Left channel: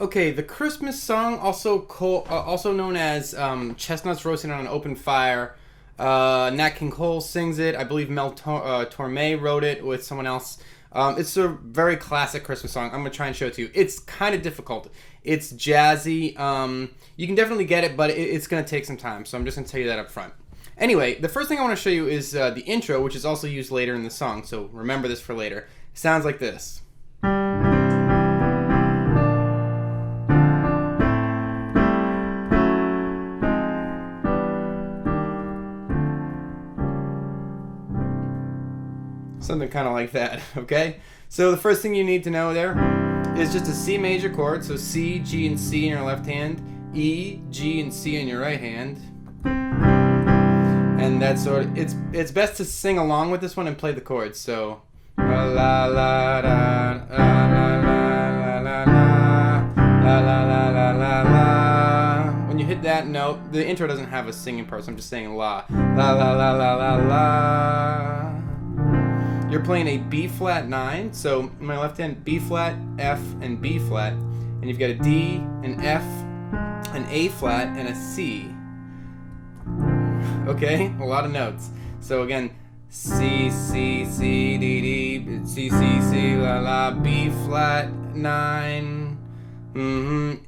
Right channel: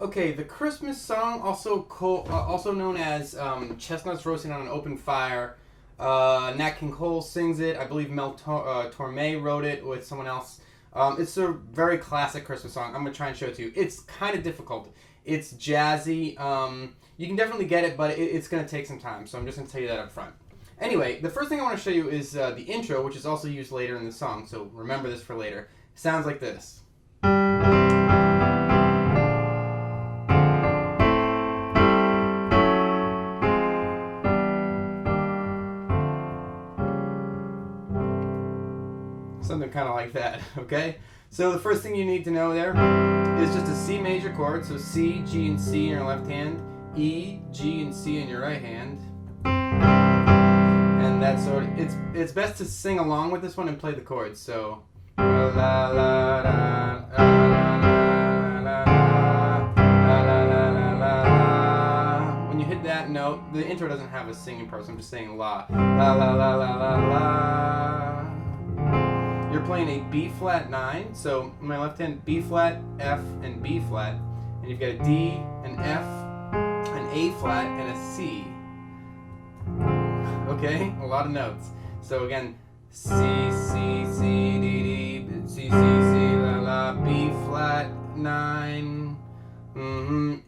Okay, the Christmas song, also known as "Chestnuts Roasting on an Open Fire." Nat King Cole sings it. I believe Torme wrote it with someone else. It's a very classic Christmas song. I'm gonna try and show it to you. It's kind of difficult. It's jazzy. You can definitely get it, but it's gonna take some time. So I'm just gonna tell you that up front. Anyway, the first thing I want to show you is the intro, which is also used later in the song. So remember this for later. It sounds like this. Something kind of like that, okay? So the first thing you need to know there is just a C major chord. So C, G, and C in your left hand, E, G, and C in your right hand. And that's sort of, it's best to sing along with this one and play the chords. So la la la la la la la la la la la. When you hit that note, the intro doesn't have a singing part, so I'm just saying la la la la la la la. You're playing a B flat 9, so in my left hand, B flat, F, and B flat, and you've got a D, an F, an A flat, and a C. Okay, a lot of notes. So again, C, C, C, D, D, C, C, C, la, la, B flat 9. Then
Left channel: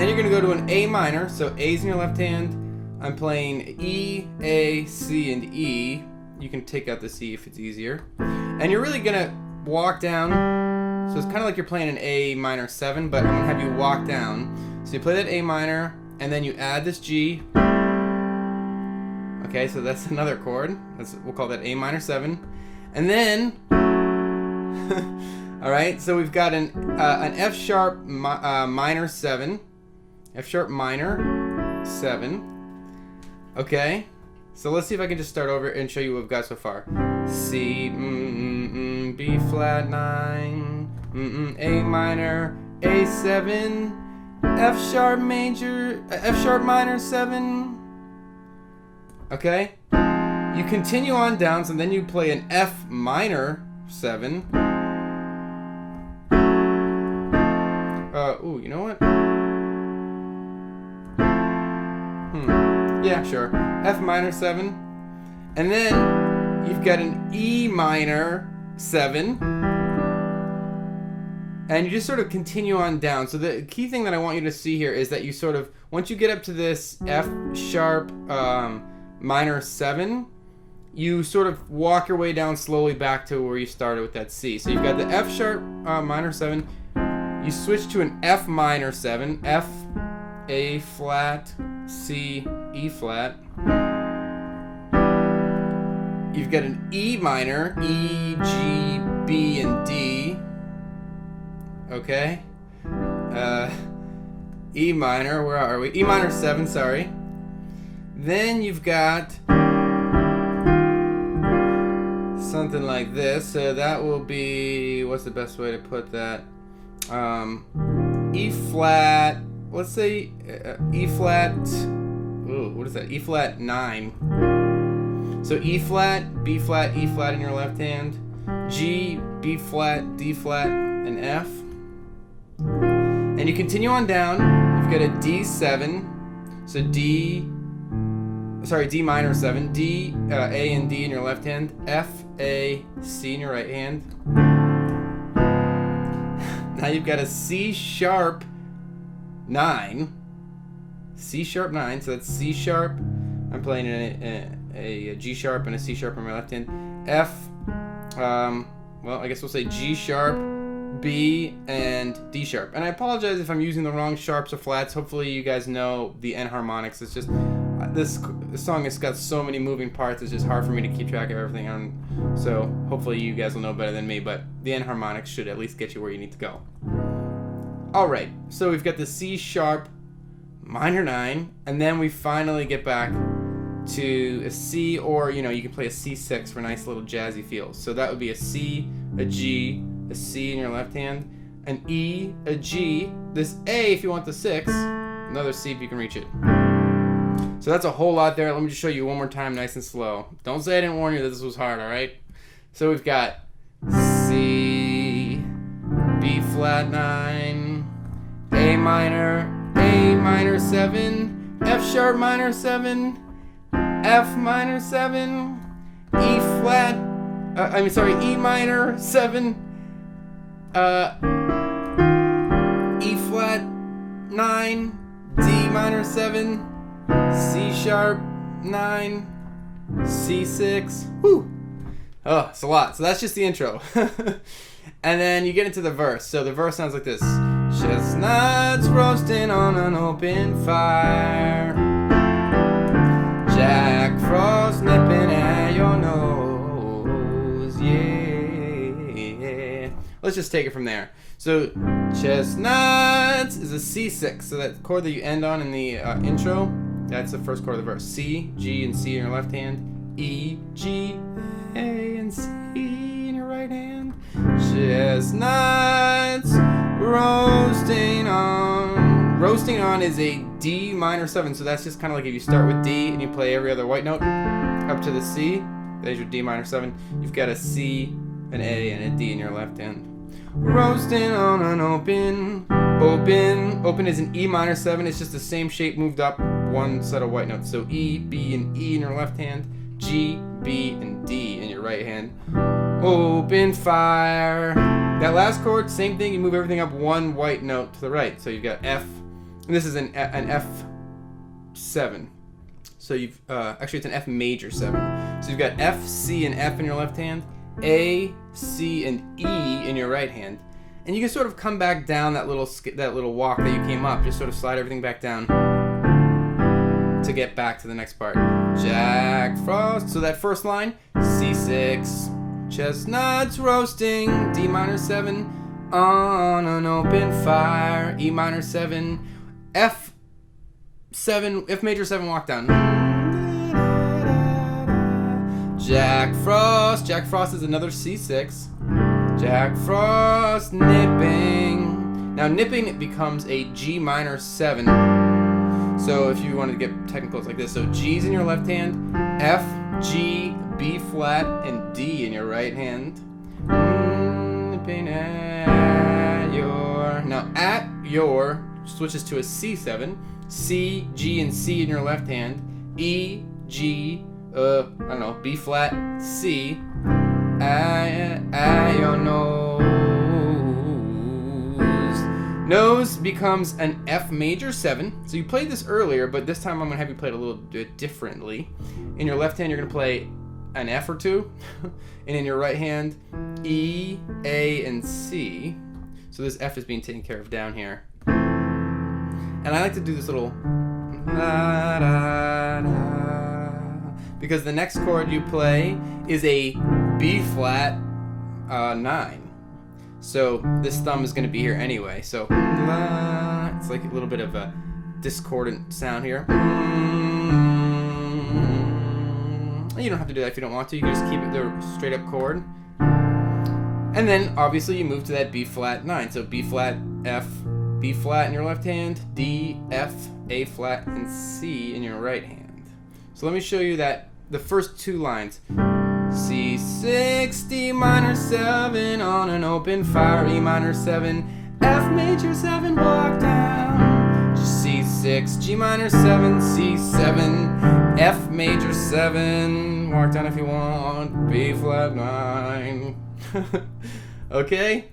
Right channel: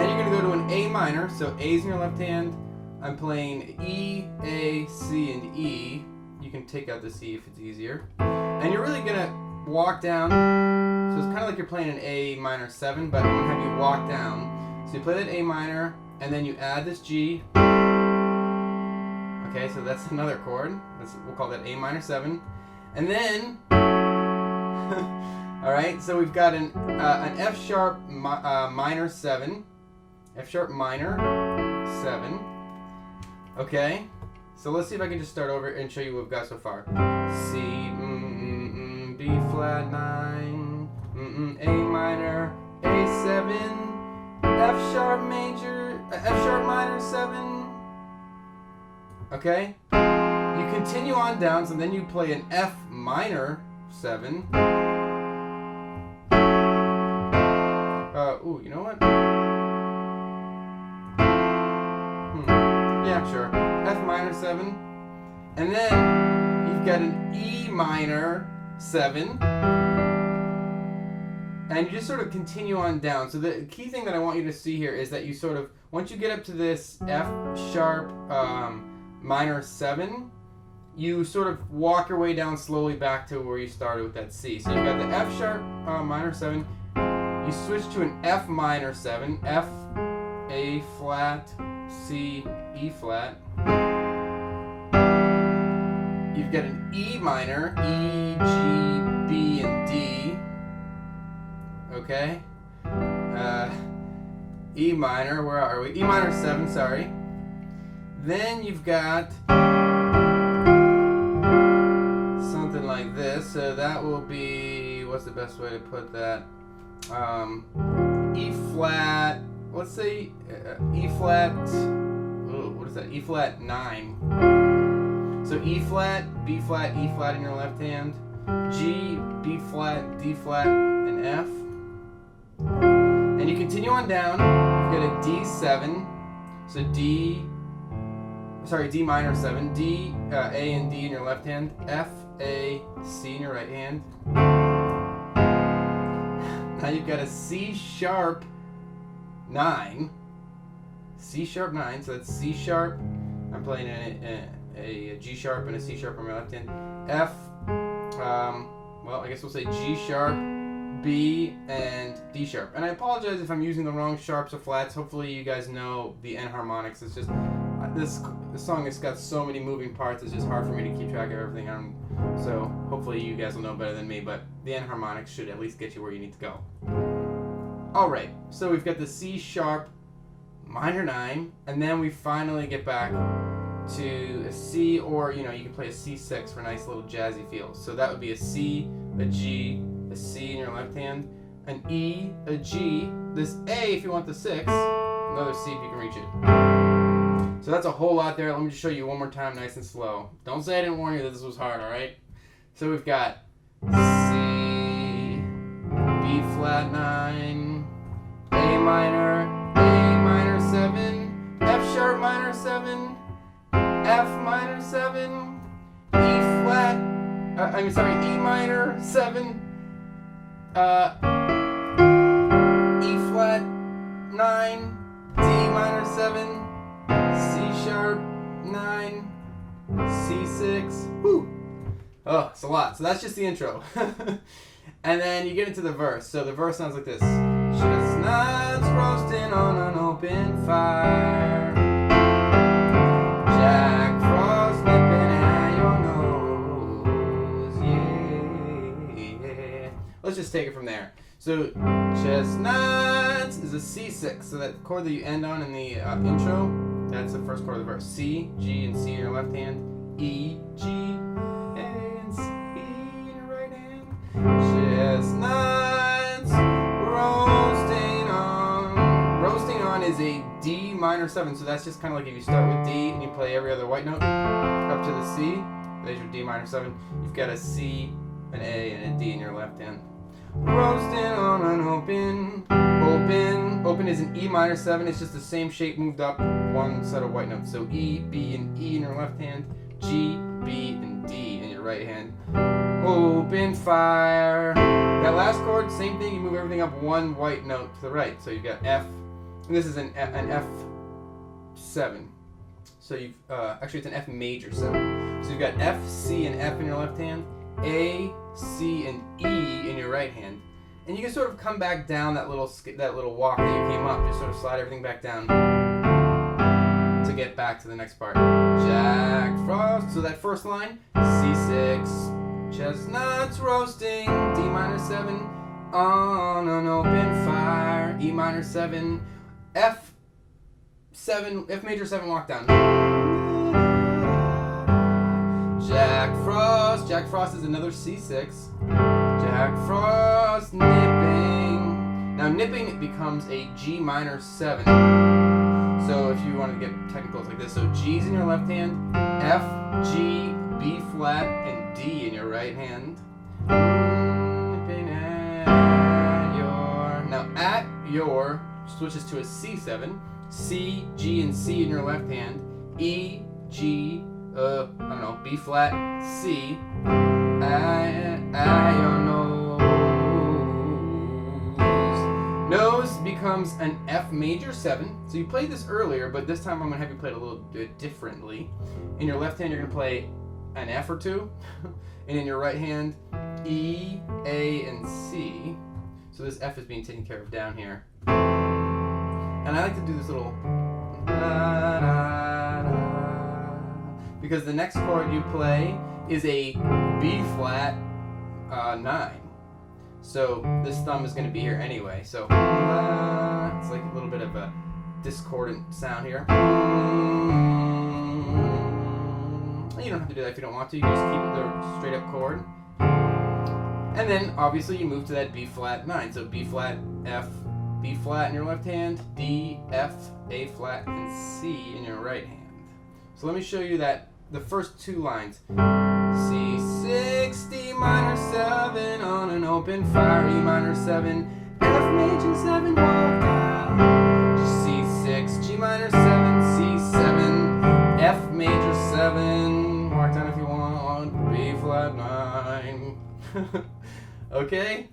you're gonna go to an A minor, so A's in your left hand. I'm playing E, A, C, and E. You can take out the C if it's easier. And you're really gonna walk down. So it's kind of like you're playing an A minor 7, but I'm gonna have you walk down. So you play that A minor, and then you add this G. Okay, so that's another chord. We'll call that A minor 7. And then, all right, so we've got an F sharp minor 7. F sharp minor 7. Okay. So let's see if I can just start over and show you what we've got so far. C, B flat 9, A minor, A7, F sharp major, F sharp minor 7. Okay? You continue on down, so then you play an F minor 7. You know what? Yeah, sure. F minor 7. And then you've got an E minor 7. And you just sort of continue on down. So the key thing that I want you to see here is that you sort of, once you get up to this F sharp minor 7, you sort of walk your way down slowly back to where you started with that C. So you've got the F sharp minor 7. You switch to an F minor 7. F, A flat, C, E flat. You've got an E minor, E, G, B, and D. Okay. E minor, where are we? E minor 7, sorry. Then you've got something like this. So that will be, what's the best way to put that? E flat, let's say E flat, what is that? E flat 9. So E flat, B flat, E flat in your left hand, G, B flat, D flat, and F. And you continue on down, you've got a D7, so D minor 7, D, A and D in your left hand, F, A, C in your right hand. Now you've got a C sharp 9, C sharp 9, so that's C sharp, I'm playing a G sharp and a C sharp on my left hand, F, well, I guess we'll say G sharp, B, and D sharp. And I apologize if I'm using the wrong sharps or flats. Hopefully you guys know the enharmonics. It's just, this song has got so many moving parts, it's just hard for me to keep track of everything. So hopefully you guys will know better than me, but the enharmonics should at least get you where you need to go. Alright, so we've got the C sharp minor 9, and then we finally get back to a C, or you can play a C6 for a nice little jazzy feel. So that would be a C, a G, a C in your left hand, an E, a G, this A if you want the 6, another C if you can reach it. So that's a whole lot there. Let me just show you one more time nice and slow. Don't say I didn't warn you that this was hard, alright? So we've got C, B flat 9, A minor, A minor 7, F sharp minor 7, F minor 7, E flat, E minor 7, E flat 9, D minor 7, C sharp 9, C6. Whew. Oh, it's a lot. So that's just the intro. And then you get into the verse. So the verse sounds like this. Chestnuts roasting on an open fire, Jack Frost nipping at your nose, yeah. Let's just take it from there. So chestnuts is a C6. So that chord that you end on in the intro, that's the first chord of the verse. C, G, and C in your left hand. E, G, A, and C in your right hand. Chestnuts roasting on. Roasting on is a D minor 7. So that's just kind of like if you start with D and you play every other white note up to the C. There's your D minor 7. You've got a C, an A, and a D in your left hand. Roasting on an open. Open is an E minor 7. It's just the same shape moved up one set of white notes. So E, B, and E in your left hand. G, B, and D in your right hand. Open fire. That last chord, same thing. You move everything up one white note to the right. So you've got F. And this is an F7. So you've actually it's an F major 7. So you've got F, C, and F in your left hand. A, C, and E in your right hand. And you can sort of come back down that little walk that you came up. Just sort of slide everything back down to get back to the next part. Jack Frost. So that first line, C6. Chestnuts roasting, D minor 7, on an open fire, E minor 7, F7, F major 7 walk down. Jack Frost. Jack Frost is another C6. Jack Frost nipping. Now nipping becomes a G minor 7. So if you wanted to get technical, it's like this. So G's in your left hand, F, G, B flat, and D in your right hand. Nipping at your. Now at your switches to a C7. C, G, and C in your left hand. E, G, B flat, C. Your nose. Nose becomes an F major 7. So you played this earlier, but this time I'm going to have you play it a little bit differently. In your left hand, you're going to play an F or 2. And in your right hand, E, A, and C. So this F is being taken care of down here. And I like to do this little because the next chord you play is a B flat 9. So this thumb is going to be here anyway. So it's like a little bit of a discordant sound here. You don't have to do that if you don't want to. You can just keep it the straight up chord. And then obviously you move to that B flat 9. So B flat, F, B flat in your left hand, D, F, A flat, and C in your right hand. So let me show you that the first two lines. C6, D minor 7 on an open fire, E minor 7, F major 7, walk down. C6, G minor 7, C7, F major 7, walk down if you want, B flat 9. Okay?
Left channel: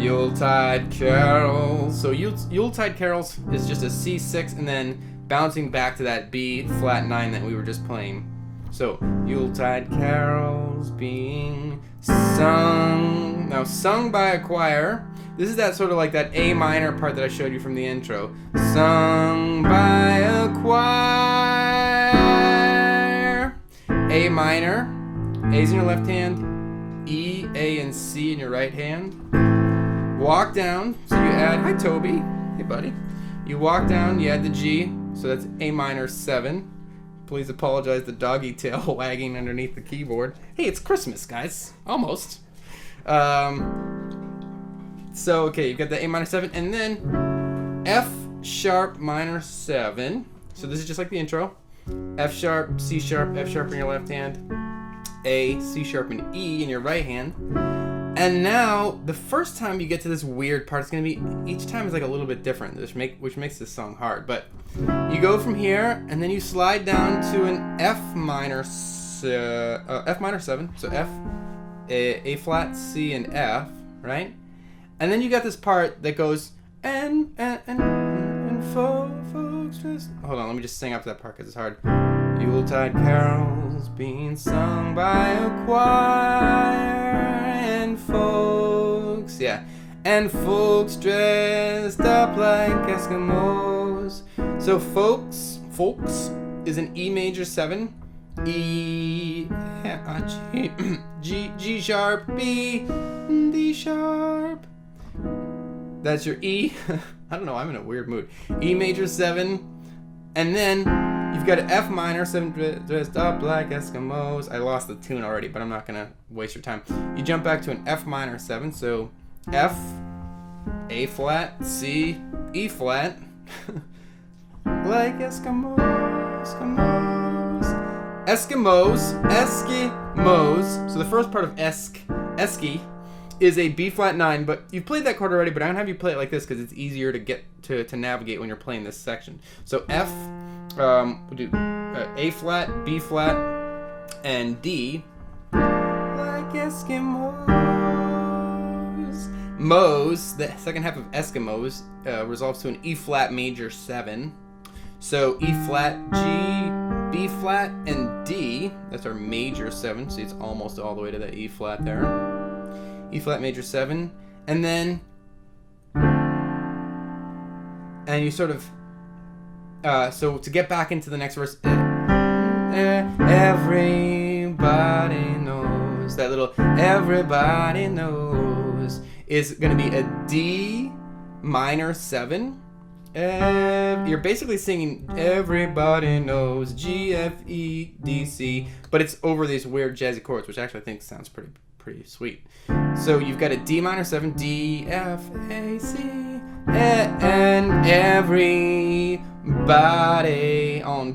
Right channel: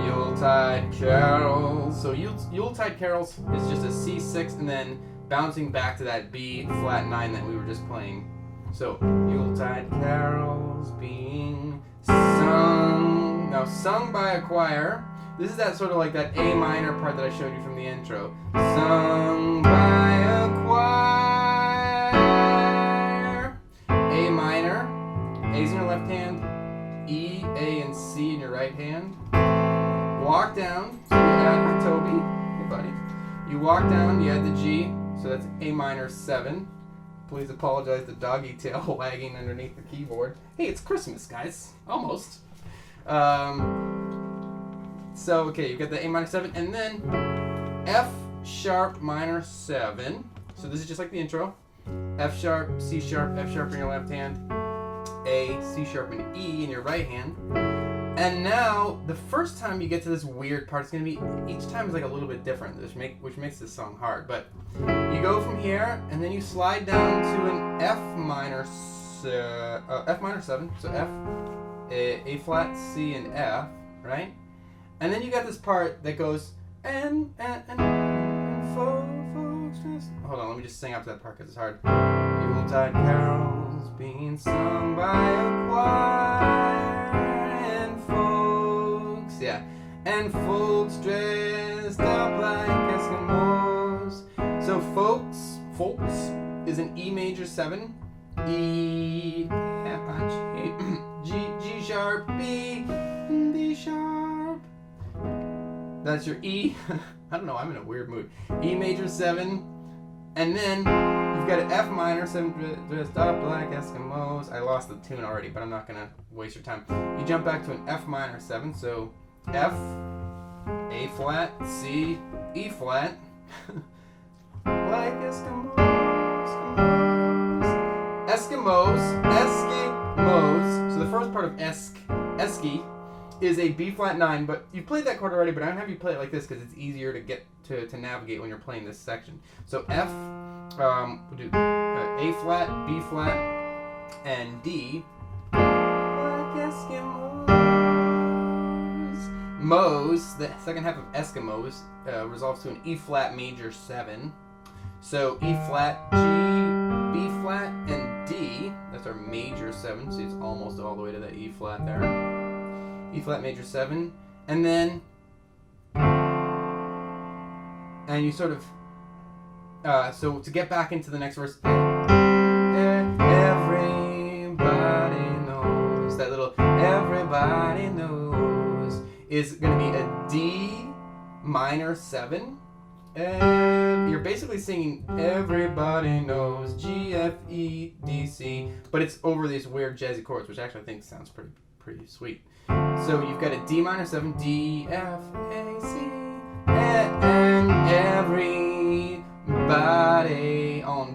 Yuletide carols. So Yuletide carols is just a C6 and then bouncing back to that B flat 9 that we were just playing. So, Yuletide carols being sung. Now, sung by a choir. This is that sort of like that A minor part that I showed you from the intro. Sung by a choir. A minor. A's in your left hand. E, A, and C in your right hand. Walk down. So you add, hi Toby. Hey buddy. You walk down, you add the G. So that's A minor 7. Please apologize, the doggy tail wagging underneath the keyboard. Hey, it's Christmas, guys. Almost. So, okay, you've got the A minor 7, and then F sharp minor 7. So this is just like the intro. F sharp, F sharp in your left hand. A, C sharp, and E in your right hand. And now, the first time you get to this weird part, it's going to be, each time is like a little bit different, which makes this song hard. But you go from here, and then you slide down to an F minor 7. So F, A flat, C, and F, right? And then you got this part that goes, and folks just... Hold on, let me just sing up to that part because it's hard. Yuletide carols being sung by a choir, and folks, and folks dressed up like Eskimos. So folks is an E major 7, E, G sharp, B, D sharp. That's your E. I don't know, I'm in a weird mood. E major 7, and then you've got an F minor 7 dressed up like Eskimos. I lost the tune already, but I'm not gonna waste your time. You jump back to an F minor 7, so F, A flat, C, E flat, like Eskimos. So the first part of Eski is a B flat 9, but you've played that chord already, but I don't have you play it like this because it's easier to get to navigate when you're playing this section. So F, we'll do A flat, B flat, and D, like Eskimos. Mos, the second half of Eskimos, resolves to an E flat major 7. So E flat, G, B flat, and D, that's our major 7, so it's almost all the way to that E flat there. E flat major 7, and then you sort of so to get back into the next verse, everybody knows, that little everybody knows is going to be a D minor 7. You're basically singing everybody knows, G, F, E, D, C, but it's over these weird jazzy chords, which actually I think sounds pretty sweet. So you've got a D minor 7, D, F, A, C, and everybody on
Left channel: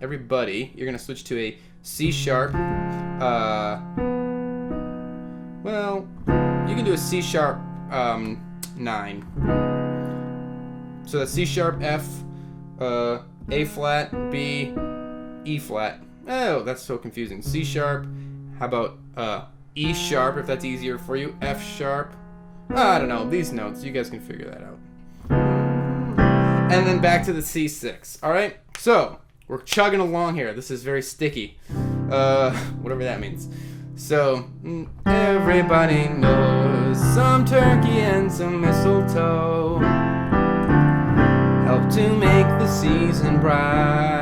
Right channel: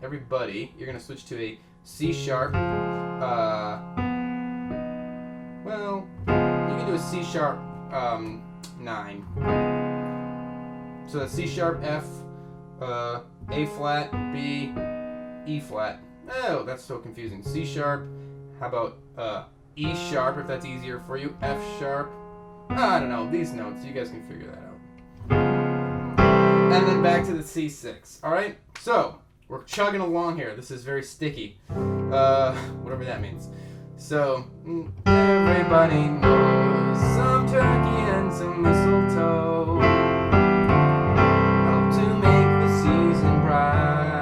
everybody, you're going to switch to a C sharp. Well, you can do a C sharp 9. So that's C sharp, F, A flat, B, E flat. Oh, that's so confusing. C sharp, how about E sharp, if that's easier for you, F sharp. I don't know, these notes, you guys can figure that out. And then back to the C6, alright? So, we're chugging along here. This is very sticky. Whatever that means. So, everybody knows some turkey and some mistletoe help to make the season bright.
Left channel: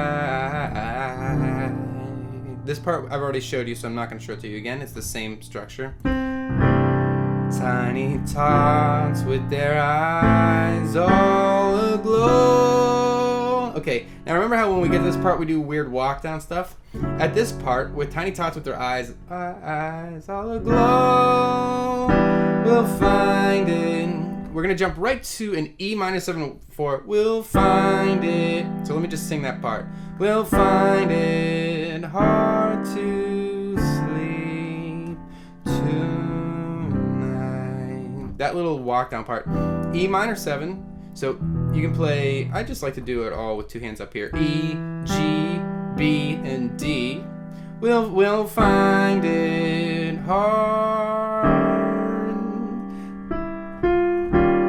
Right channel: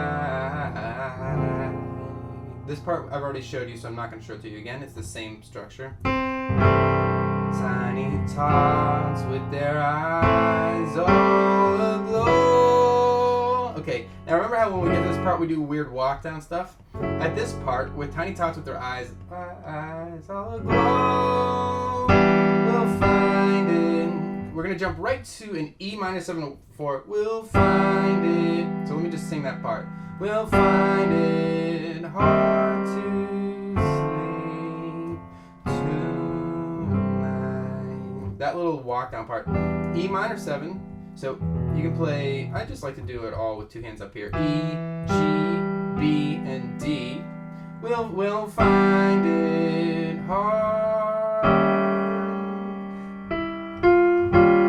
This part I've already showed you, so I'm not going to show it to you again. It's the same structure. Tiny tots with their eyes all aglow. Okay, now remember how when we get to this part we do weird walk down stuff? At this part, with tiny tots with their eyes all aglow, we'll find it. We're going to jump right to an E minor 7 for we'll find it. So let me just sing that part. We'll find it hard to sleep tonight. That little walk down part. E minor 7. So you can play, I just like to do it all with two hands up here. E, G, B, and D. We'll find it hard.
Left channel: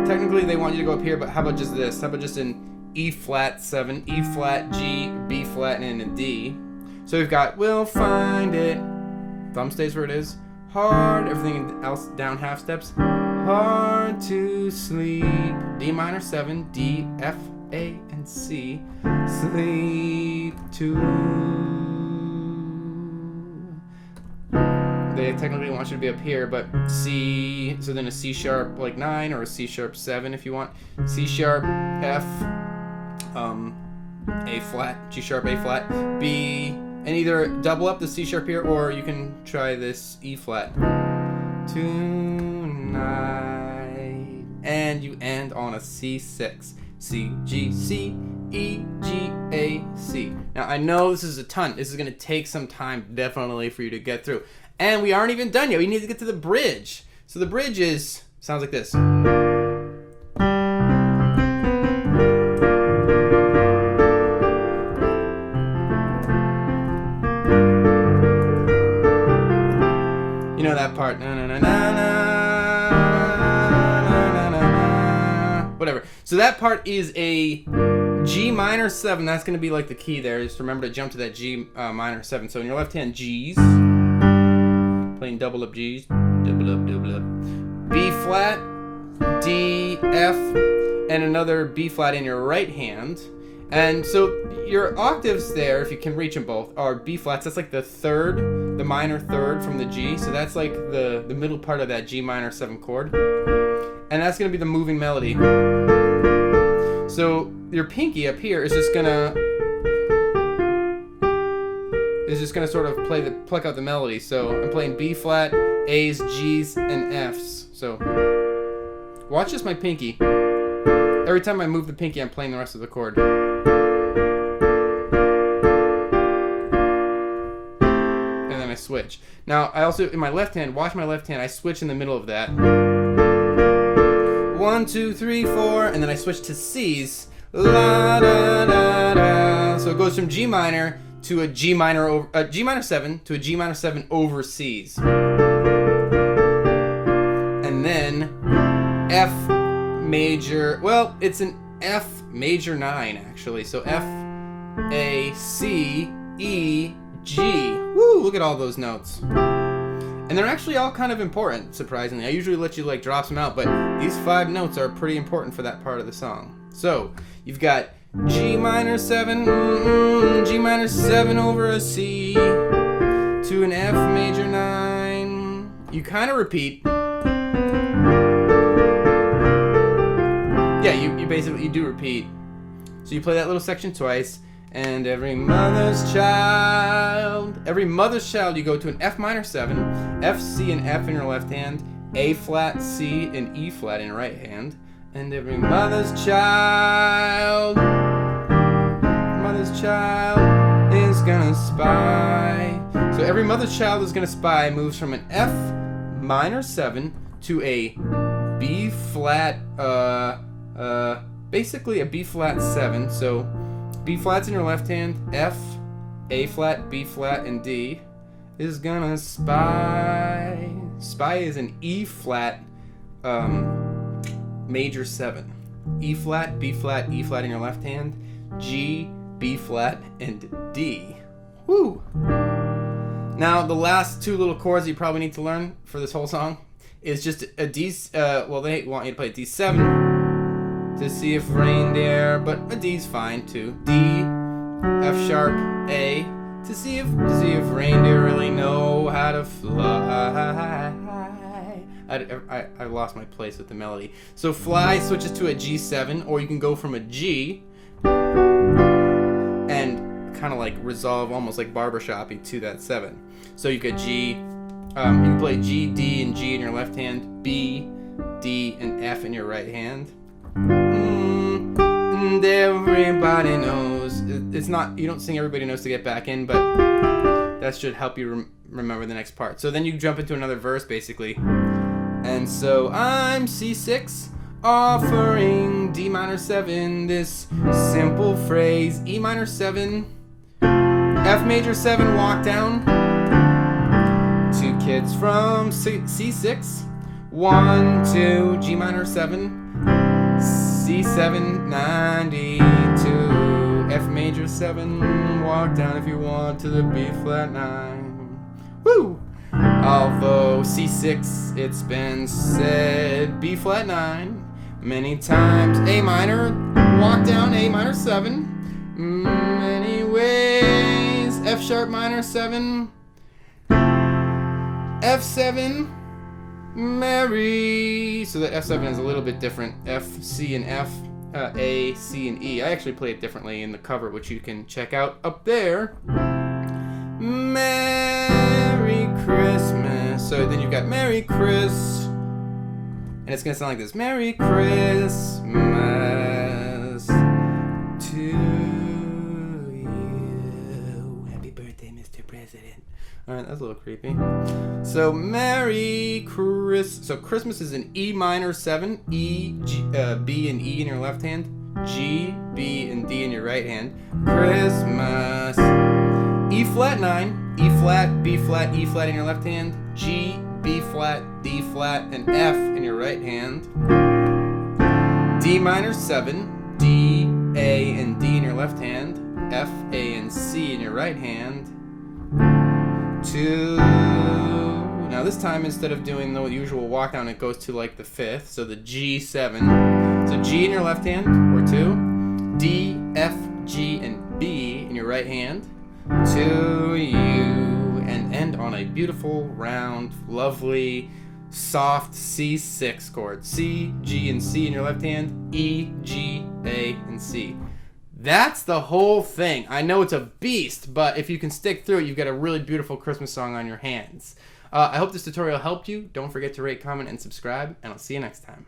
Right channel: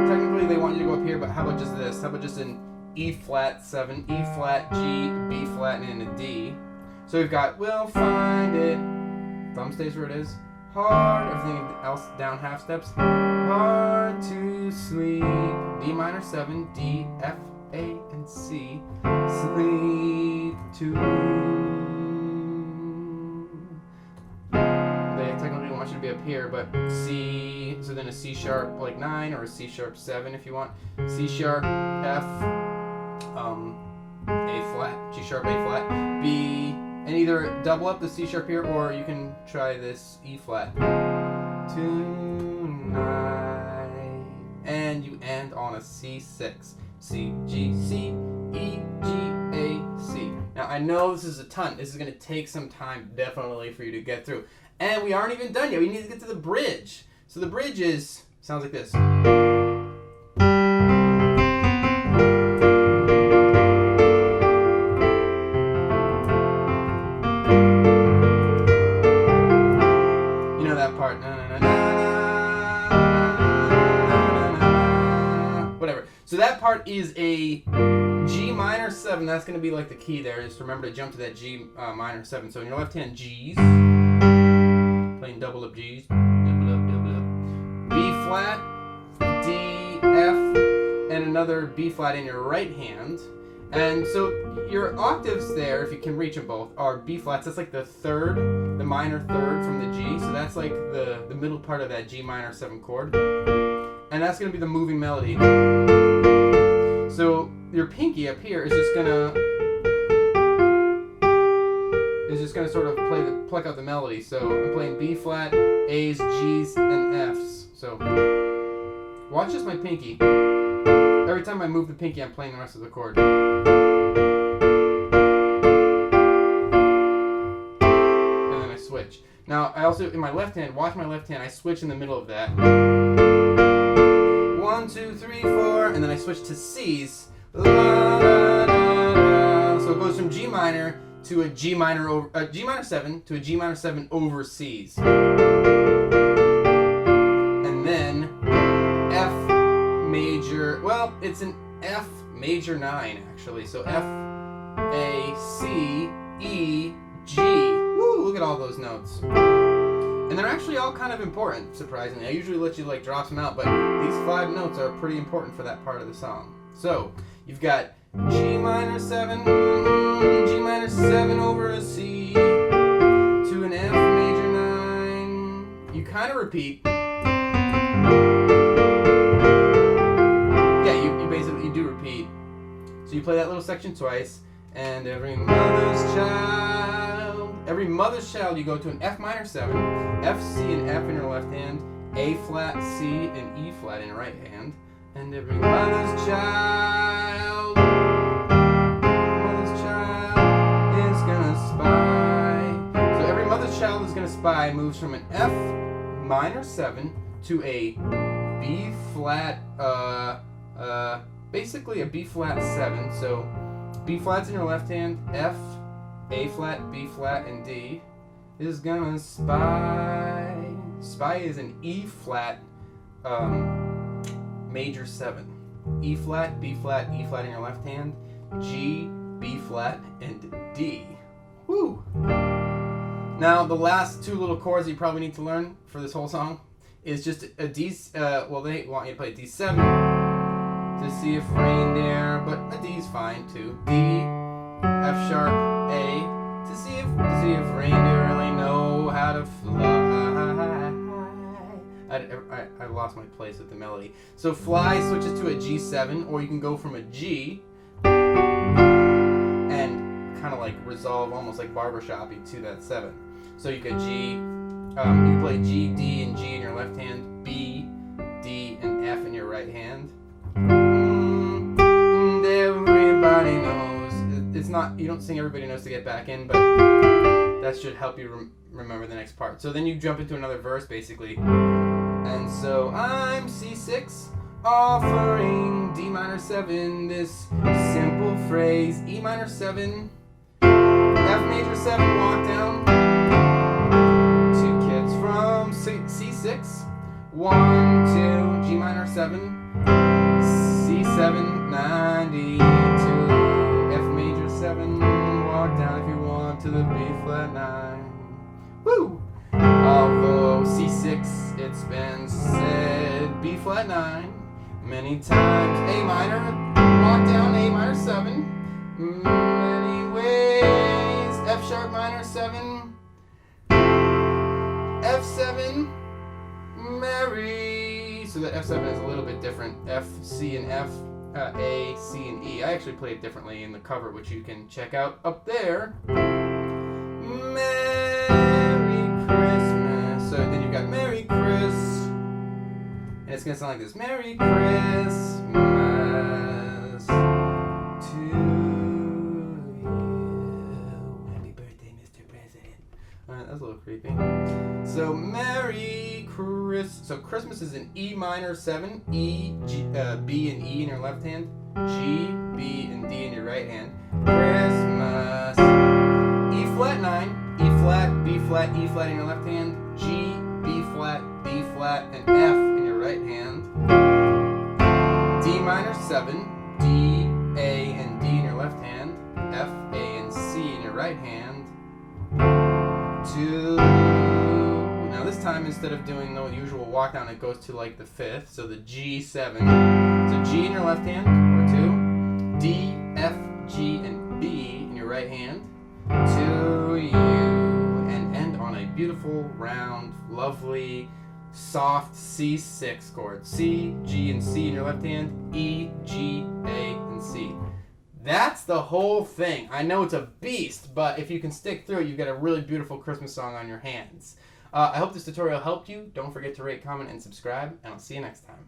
Technically they want you to go up here, but how about just this? How about just an E flat 7, E flat, G, B flat, and a D. So we've got we'll find it. Thumb stays where it is. Hard. Everything else down half steps. Hard to sleep. D minor 7, D, F, A, and C. Sleep to. They technically want you to be up here, but C. So then a C sharp like 9 or a C sharp 7 if you want. C sharp, F. A flat, G sharp, A flat, B, and either double up the C sharp here, or you can try this E flat. Tonight, and you end on a C6, C, G, C, E, G, A, C. Now I know this is a ton. This is going to take some time, definitely, for you to get through. And we aren't even done yet. We need to get to the bridge. So the bridge sounds like this. You know that part. Na, na, na, na, na, na, na, whatever. So that part is a G minor 7. That's going to be like the key there. Just remember to jump to that G minor 7. So in your left hand, G's. Playing double up G's. Double up, double up. B flat, D, F, and another B flat in your right hand. And so your octaves there, if you can reach them both, are B flats. That's like the third, the minor third from the G. So that's like the middle part of that G minor 7 chord. And that's going to be the moving melody. So your pinky up here is just gonna sort of pluck out the melody. So I'm playing B flat, A's, G's, and F's. So watch just my pinky. Every time I move the pinky, I'm playing the rest of the chord. And then I switch. Now I also, in my left hand, watch my left hand, I switch in the middle of that. 1, 2, 3, 4, and then I switch to C's. La, da, da, da. So it goes from G minor to a G minor 7 to a G minor 7 over C's. And then F major, well, it's an F major 9 actually. So F, A, C, E, G. Woo, look at all those notes. And they're actually all kind of important, surprisingly. I usually let you like drop some out, but these 5 notes are pretty important for that part of the song. So you've got G minor 7, G minor 7 over a C to an F major 9. You kind of repeat. Yeah, you basically do repeat. So you play that little section twice. And every mother's child, you go to an F minor 7, F, C, and F in your left hand, A flat, C, and E flat in your right hand. And every mother's child is gonna spy. So every mother's child is gonna spy moves from an F minor 7 to a B flat, basically a B flat 7. So B flat's in your left hand, F, A flat, B flat, and D is gonna spy. Spy is an E flat major 7. E flat, B flat, E flat in your left hand, G, B flat, and D. Woo! Now the last 2 little chords you probably need to learn for this whole song is just a D, well they want you to play a D7 to see if reindeer, but a D's fine too. D, F sharp, A, to see if reindeer really know how to fly. I lost my place with the melody. So fly switches to a G7, or you can go from a G and kind of like resolve almost like barbershoppy to that 7. So you could G, you can play G, D, and G in your left hand, B, D, and F in your right hand. And everybody knows it's not, you don't sing Everybody Knows to get back in, but that should help you remember the next part. So then you jump into another verse basically. And so I'm C6 offering D minor 7 this simple phrase, E minor 7, F major 7 walk down, 2 kids from C6, 1, 2, G minor 7, C7, 92, F major 7, walk down if you want to the B flat 9. Woo! Although C6, it's been said, B flat 9 many times. A minor, walk down A minor 7, many ways. F sharp minor 7, F7, Mary. So the F7 is a little bit different. F, C, and F, A, C, and E. I actually play it differently in the cover, which you can check out up there. Merry Christmas. So then you've got Merry Chris, and it's gonna sound like this: Merry Christmas to you. Happy birthday, Mr. President. All right, that's a little creepy. So Merry Christmas. So Christmas is an E minor 7, B and E in your left hand, G, B, and D in your right hand. Christmas. E flat 9, E flat, B flat, E flat in your left hand, G, B flat, D flat, and F in your right hand. D minor 7, D, A, and D in your left hand, F, A, and C in your right hand. 2. Now this time, instead of doing the usual walk down, it goes to like the 5th, so the G7. So G in your left hand, or 2. D, F, G, and B in your right hand. To you, and end on a beautiful, round, lovely, soft C6 chord. C, G, and C in your left hand, E, G, A, and C. That's the whole thing. I know it's a beast, but if you can stick through it, you've got a really beautiful Christmas song on your hands. I hope this tutorial helped you. Don't forget to rate, comment, and subscribe, and I'll see you next time.